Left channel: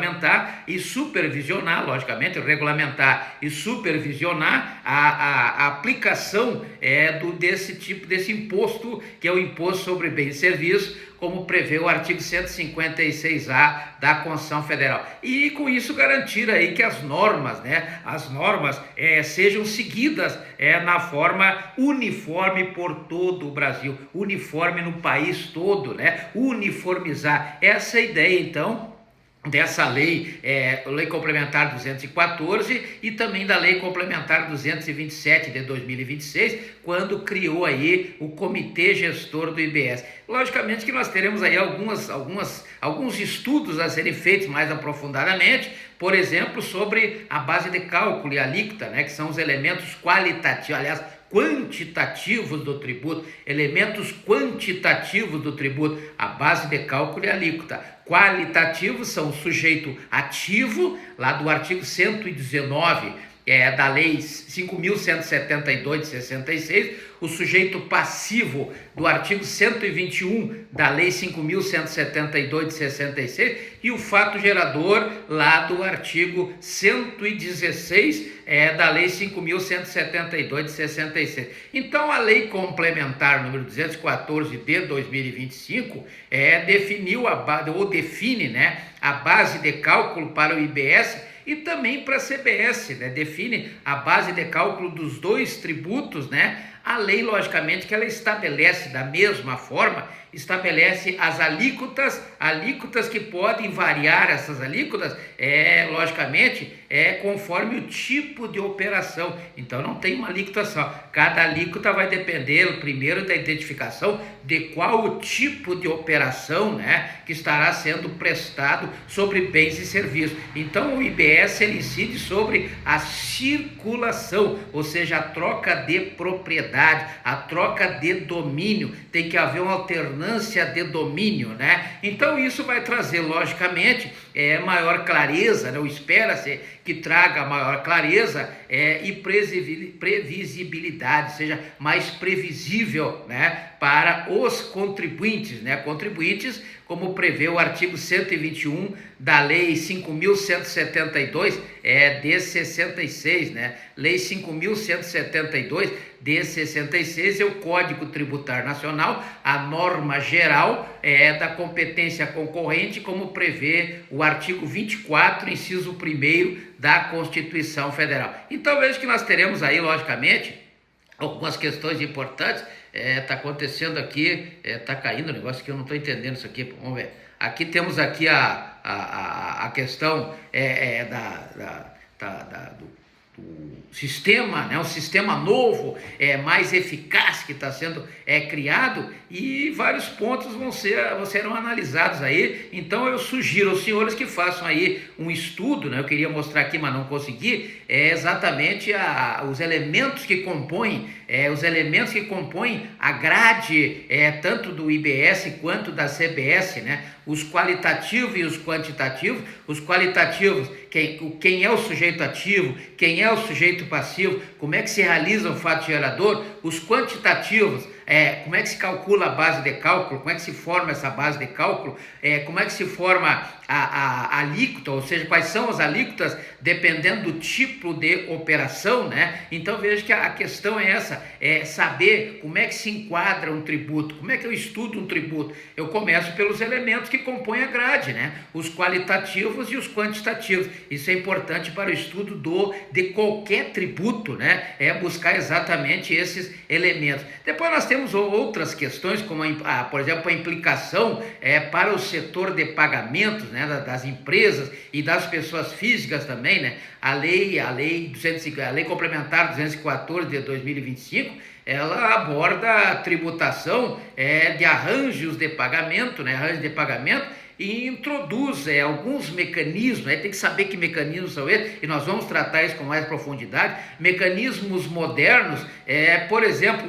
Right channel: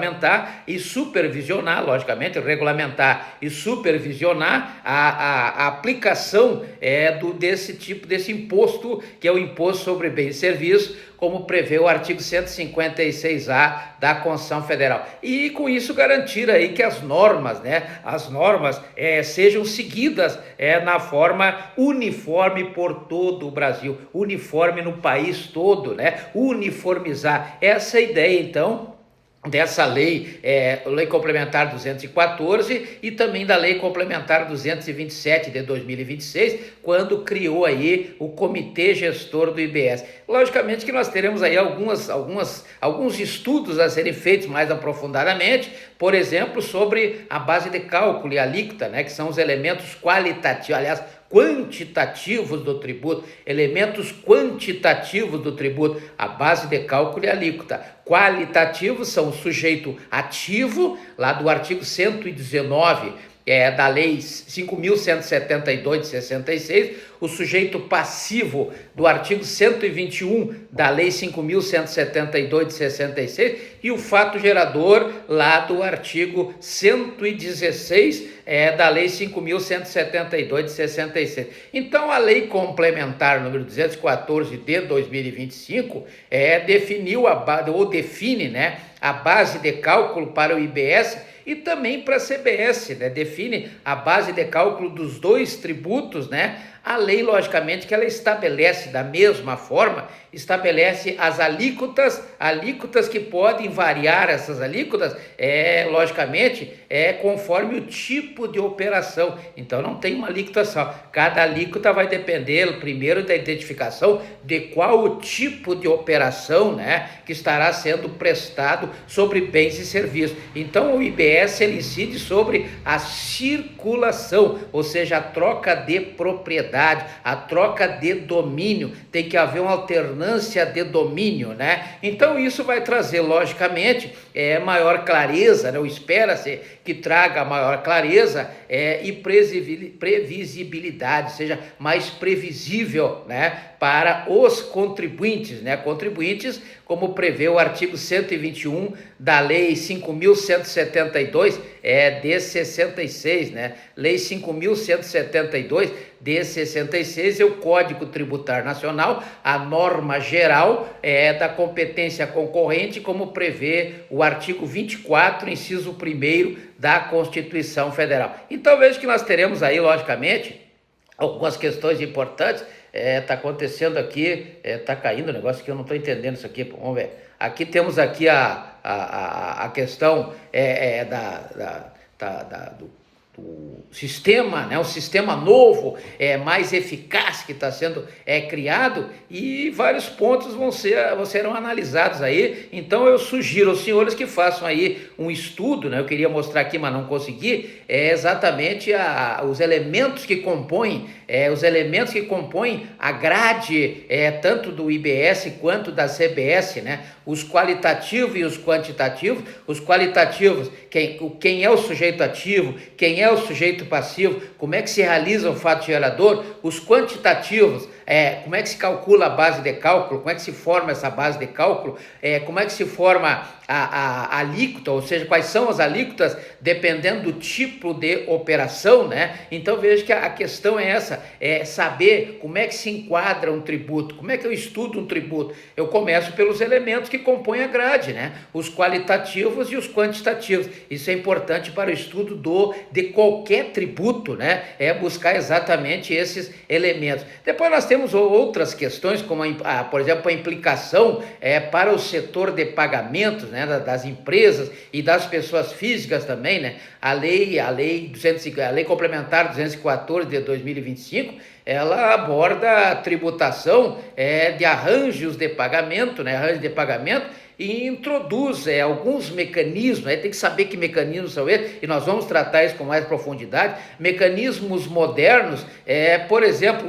regulamentar e supervisionar, logicamente, regulamentar e supervisionar a aplicação desse imposto, que é o Imposto sobre Bens e Serviços, como prevê o artigo 156A da Constituição Federal. E com isso garantir aí que as normas sejam seguidas na forma uniforme por todo o Brasil, uniforme no país todo, né? Uniformizar. Essa é a ideia, então, dessa lei complementar 214 e também da lei complementar 227 de 2026, quando criou aí o Comitê Gestor do IBS. Logicamente que nós teremos aí alguns estudos a serem feitos mais aprofundadamente, por exemplo, sobre a base de cálculo e a alíquota, né, que são os elementos qualitativos, aliás, quantitativos do tributo, elementos quantitativos do tributo, a base de cálculo e a alíquota. Qualitativos são o sujeito ativo, lá do artigo 119 da Lei 5.172 de 66, o sujeito passivo do artigo 121 da Lei 5.172 de 66 e o fato gerador lá do artigo 116 da Lei 5.172 de 66. Então, a Lei Complementar número 214 de 2025 define, né, a base de cálculo para o IBS e também para a CBS, né? Define a base de cálculo dos dois tributos, né? A lei, logicamente, que ela estabelece da mesma forma, estabelece as alíquotas que podem variar, essas alíquotas, logicamente, conforme o tipo de operação. Então, não tem uma alíquota só. Cada alíquota vai depender, primeiro, da identificação de qual o tipo de operação, né, que estará sendo prestado sobre bens e serviços. Então, o IBS, ele incide sobre a circulação, ou seja, a troca de propriedade, a troca de domínio, tem que haver uma alternância de domínio, né? Então isso vai trazer, logicamente, maior clareza, né? Espera-se que traga maior clareza e previsibilidade, seja mais previsível, né, para os contribuintes, né? Contribuintes, como prevê o artigo 121 da Lei 5.172 de 66, né? Lei 5.172 de 66 é o Código Tributário Nacional, a norma geral da competência concorrente, como prevê o artigo 24, inciso 1º da Constituição Federal. Então veja que nós teremos aí, logicamente, algumas questões importantes. Tá acontecendo aqui, tá caindo o negócio que eu não estou entendendo isso aqui, vamos ver. Aqui temos aqui a questão do sistema, né? Um sistema novo, mais eficaz que está sendo criado, e vários pontos serão analisados aí. Então eu sugiro aos senhores que façam aí um estudo, né? Eu queria mostrar aqui, mas não consegui, exatamente os elementos que compõem a grade, tanto do IBS quanto da CBS, né? Os qualitativos e os quantitativos. Os qualitativos, quem é o sujeito ativo, quem é o sujeito passivo, como é que se realiza o fato gerador. Os quantitativos, como é que se calcula a base de cálculo, como é que se forma essa base de cálculo, como é que se forma a alíquota, ou seja, quais são as alíquotas dependendo do tipo de operação, né? Então veja que a questão é essa, saber como é que se enquadra um tributo, como é que eu estudo um tributo. Eu começo pelos elementos que compõem a grade, né? Os qualitativos e os quantitativos. Isso é importante para o estudo de qualquer tributo, né? Buscar exatamente esses elementos. Depois nós temos outras questões, como por exemplo, a implicação para o setor de pagamentos, né? Das empresas e das pessoas físicas também, né? A lei complementar 214 de 2025, ela aborda a tributação de arranjos de pagamento, né? Arranjos de pagamento, e introduz alguns mecanismos, tem que saber que mecanismos são esses, e nós vamos tratar isso com mais profundidade, mecanismos modernos, por exemplo,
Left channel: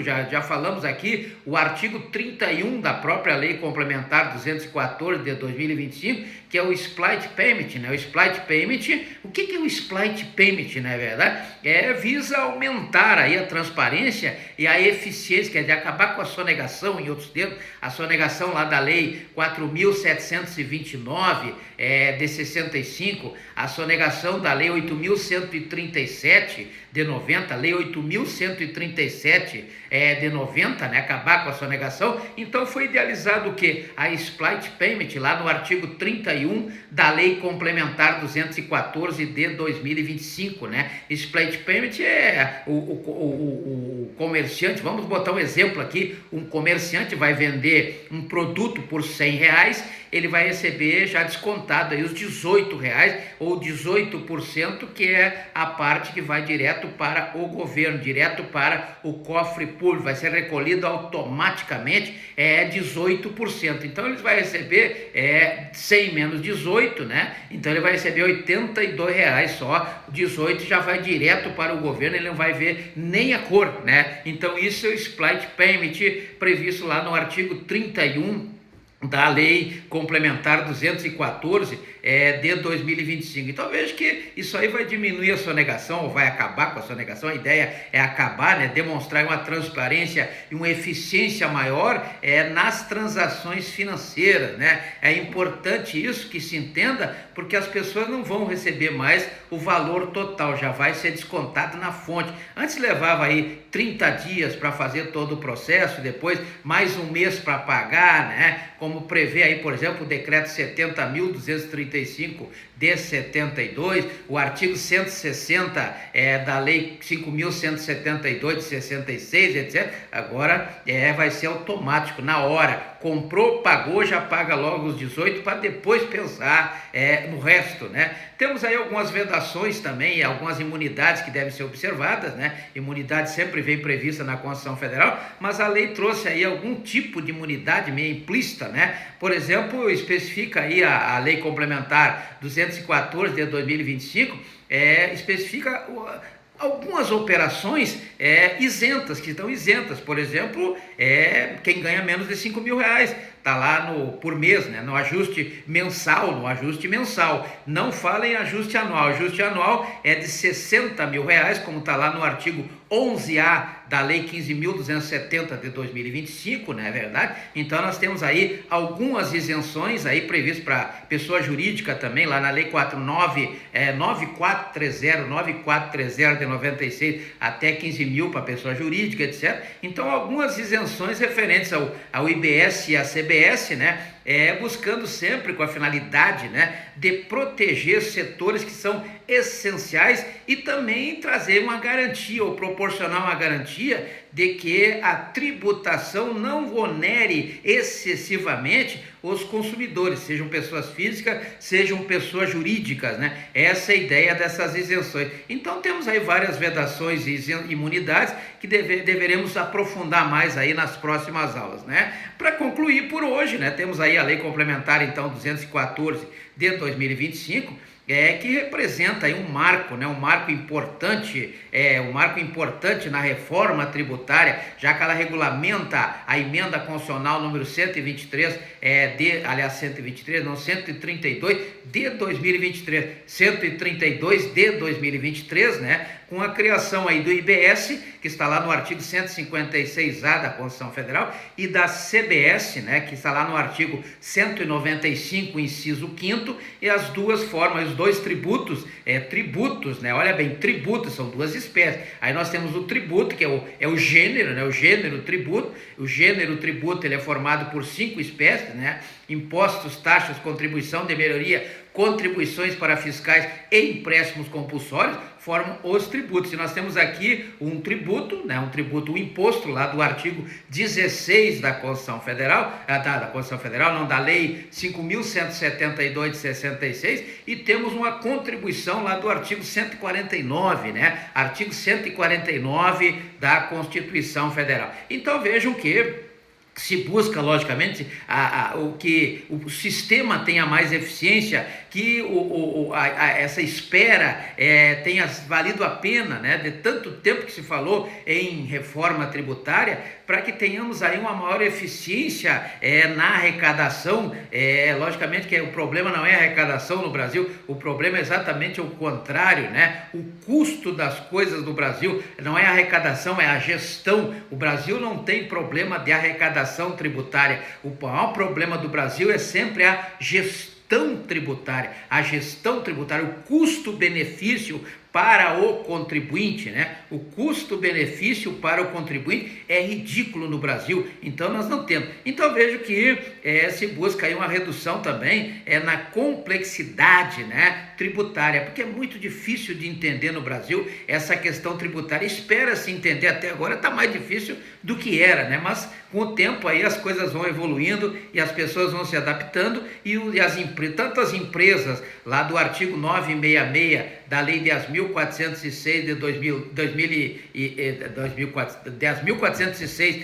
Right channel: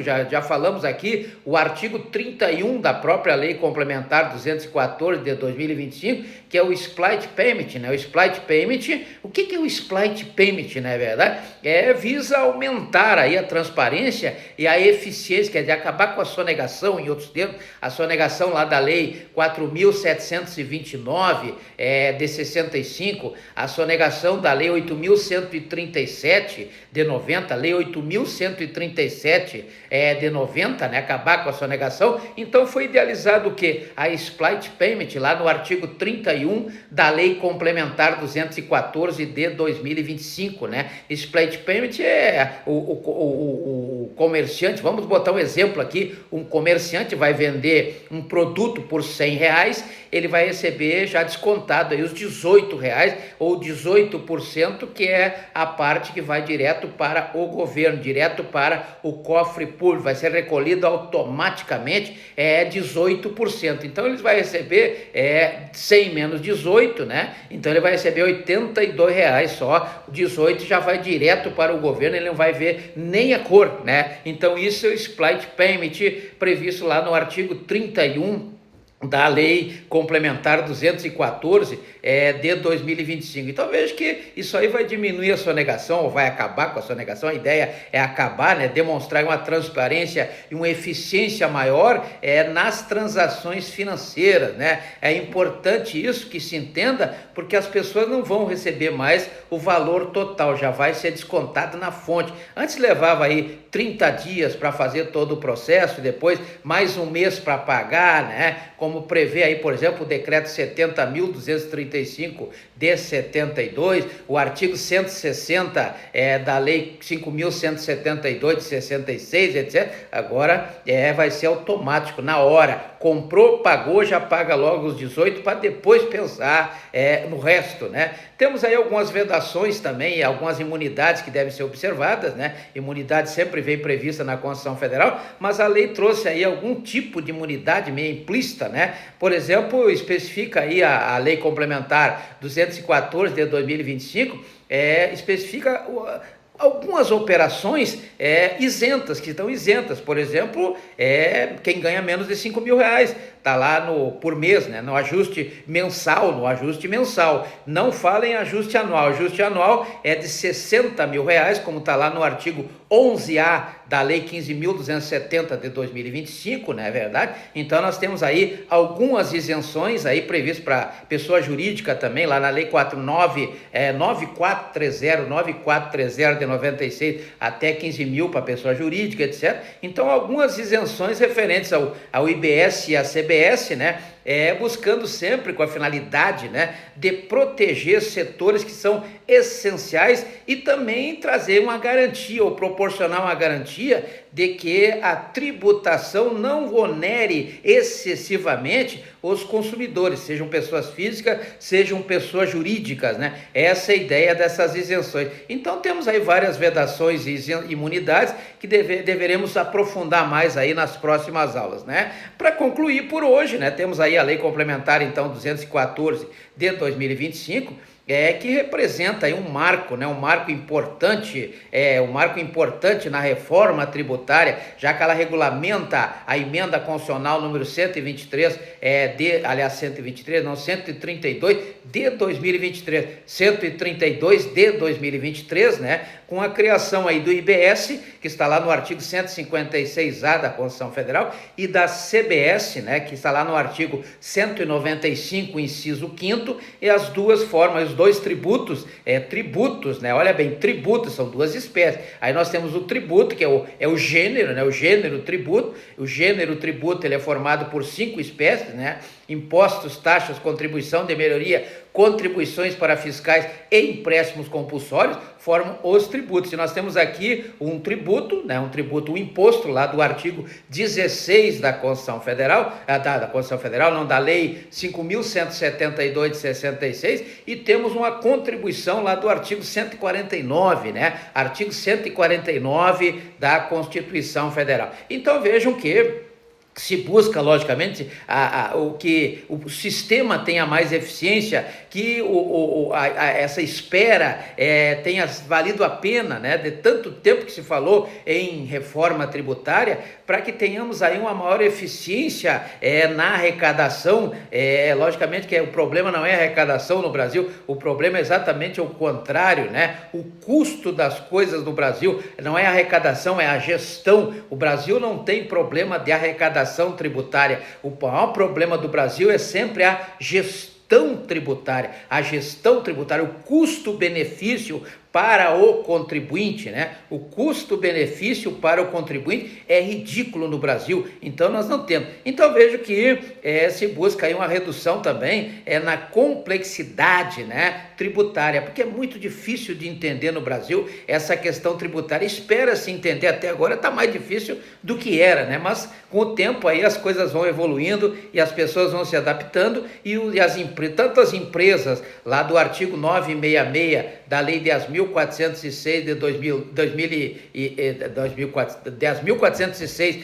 já falamos aqui, o artigo 31 da própria Lei Complementar 214 de 2025, que é o Split Payment, né? O Split Payment, o que é o Split Payment, na verdade? Visa aumentar aí a transparência e a eficiência, quer dizer, acabar com a sonegação, em outros termos, a sonegação lá da lei 4.729 de 65, a sonegação da lei 8.137 de 90, lei 8.137 de 90, né? Acabar com a sonegação. Então foi idealizado o que? A Split Payment, lá no artigo 31 da lei complementar 214 de 2025, né? Split Payment é o comerciante, vamos botar um exemplo aqui, um comerciante vai vender um produto por R$100, ele vai receber já descontado aí os R$18 ou 18%, que é a parte que vai direto para o governo, direto para o cofre público, vai ser recolhido automaticamente 18%. Então ele vai receber 100 menos 18, né? Então ele vai receber R$82 só, 18 já vai direto para o governo, ele não vai ver nem a cor, né? Então isso é o Split Payment previsto lá no artigo 31 da lei complementar 214 de 2025. Então vejo que isso aí vai diminuir a sonegação, ou vai acabar com a sonegação. A ideia é acabar, né, demonstrar uma transparência e uma eficiência maior nas transações financeiras, né? É importante isso que se entenda, porque as pessoas não vão receber mais o valor total, já vai ser descontado na fonte. Antes levava aí 30 dias para fazer todo o processo, e depois mais um mês para pagar, né? Como prevê aí, por exemplo, o decreto 70.235 de 72, o artigo 160 da lei 5.172 de 66, etc. Agora vai ser automático, na hora. Comprou, pagou, já paga logo os 18 para depois pensar no resto, né? Temos aí algumas vedações também, algumas imunidades que devem ser observadas, né? Imunidade sempre vem prevista na Constituição Federal, mas a lei trouxe aí algum tipo de imunidade meio implícita, né? Por exemplo, especifica aí a lei complementar 214 de 2025, especifica algumas operações isentas, que estão isentas. Por exemplo, quem ganha menos de R$5.000, está lá por mês, né? No ajuste mensal, não fala em ajuste anual. Ajuste anual é de R$60.000, como está lá no artigo 11A da lei 15.270 de 2025, não é verdade? Então nós temos aí algumas isenções aí previstas para pessoa jurídica também, lá na lei 9430 de 96 até 15 mil para pessoa jurídica, etc. Então algumas isenções referentes ao IBS e à CBS, né? Buscando sempre com a finalidade, né, de proteger setores que são essenciais e também trazer uma garantia ou proporcionar uma garantia de que a tributação não onere excessivamente os consumidores, sejam pessoas físicas, sejam pessoas jurídicas, né? Essa é a ideia dessas isenções. Então temos aí várias vedações e imunidades que deveremos aprofundar mais aí nas próximas aulas, né? Para concluir por hoje, né, temos aí a lei complementar então 214 de 2025, que representa aí um marco, né? Um marco importante na reforma tributária, já que ela regulamenta a emenda constitucional número 132 de 2023, 132 de 2023, né? Com a criação aí do IBS, que está lá no artigo 156A da Constituição Federal, e da CBS, né? Que está lá no artigo 195, inciso 5º, e as duas formas, os dois tributos, né? Olha bem, tributos são duas espécies. Aí nós temos o tributo, que é o gênero, né? O gênero tributo. O gênero tributo, ele é formado por 5 espécies, né? Impostos, taxas, contribuição de melhoria, contribuições para fiscais e empréstimos compulsórios formam os tributos. E nós temos aqui um tributo, né, um imposto lá do artigo 16 da Constituição Federal, da Lei 5.172 de 66, e temos uma contribuição lá do artigo 149, né, artigo 149 da Constituição Federal. Então vejam que se busca, logicamente, que o sistema tenha mais eficiência, que essa espera tenha valido a pena, né, de tanto tempo que se falou em reforma tributária, para que tenhamos aí uma maior eficiência na arrecadação. Logicamente que o problema não é a arrecadação no Brasil, o problema é exatamente o contrário, né? O custo das coisas no Brasil não é a arrecadação, é a gestão. O Brasil não tem problema de arrecadação tributária. O maior problema do Brasil é sempre a gestão tributária. A gestão tributária, o custo-benefício para o contribuinte, né? O custo-benefício para o contribuinte é ridículo no Brasil, então nós não temos. Então vejo que se busca aí uma redução também na complexidade, né, tributária, porque é muito difícil de entender no Brasil essa questão tributária. Espera-se entender, até agora está mais difícil do que era, né? Mas com o tempo aí as coisas vão evoluindo e as pessoas vão se adaptando tanto as empresas lá do artigo 966 da Lei 10.406 de 10.406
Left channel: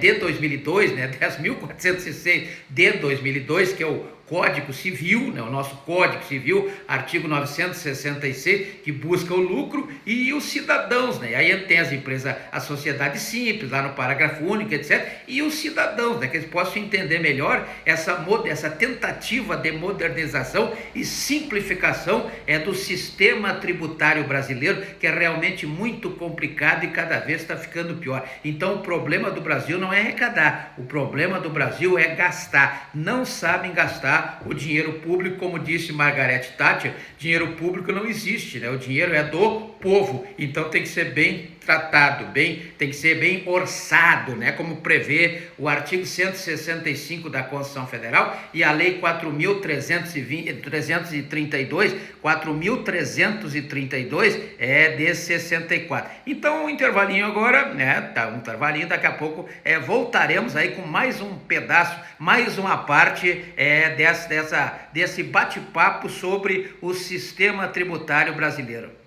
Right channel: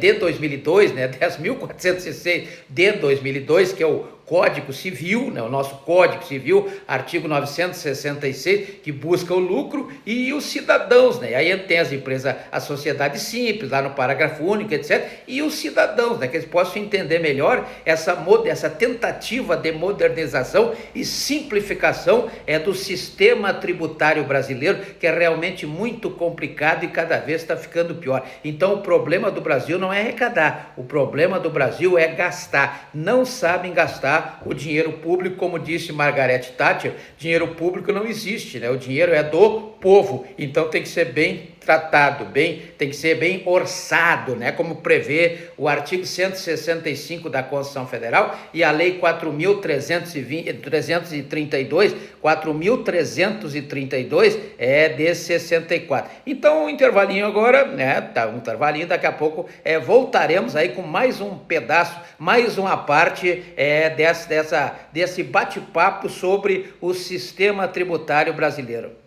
de 2002, né? 10.406 de 2002, que é o Código Civil, né? O nosso Código Civil, artigo 966, que busca o lucro e os cidadãos, né? Aí tem as empresas, a sociedade simples, lá no parágrafo único, etc. E os cidadãos, né? Que eles possam entender melhor essa tentativa de modernização e simplificação do sistema tributário brasileiro, que é realmente muito complicado e cada vez está ficando pior. Então o problema do Brasil não é arrecadar, o problema do Brasil é gastar. Não sabem gastar o dinheiro público, como disse Margaret Thatcher. Dinheiro público não existe, né? O dinheiro é do povo, então tem que ser bem tratado, tem que ser bem orçado, né? Como prevê o artigo 165 da Constituição Federal e a Lei 4.332 de 64. Então, um intervalinho agora, né? Tá, um intervalinho, daqui a pouco voltaremos aí com mais um pedaço, mais uma parte desse bate-papo sobre o sistema tributário brasileiro.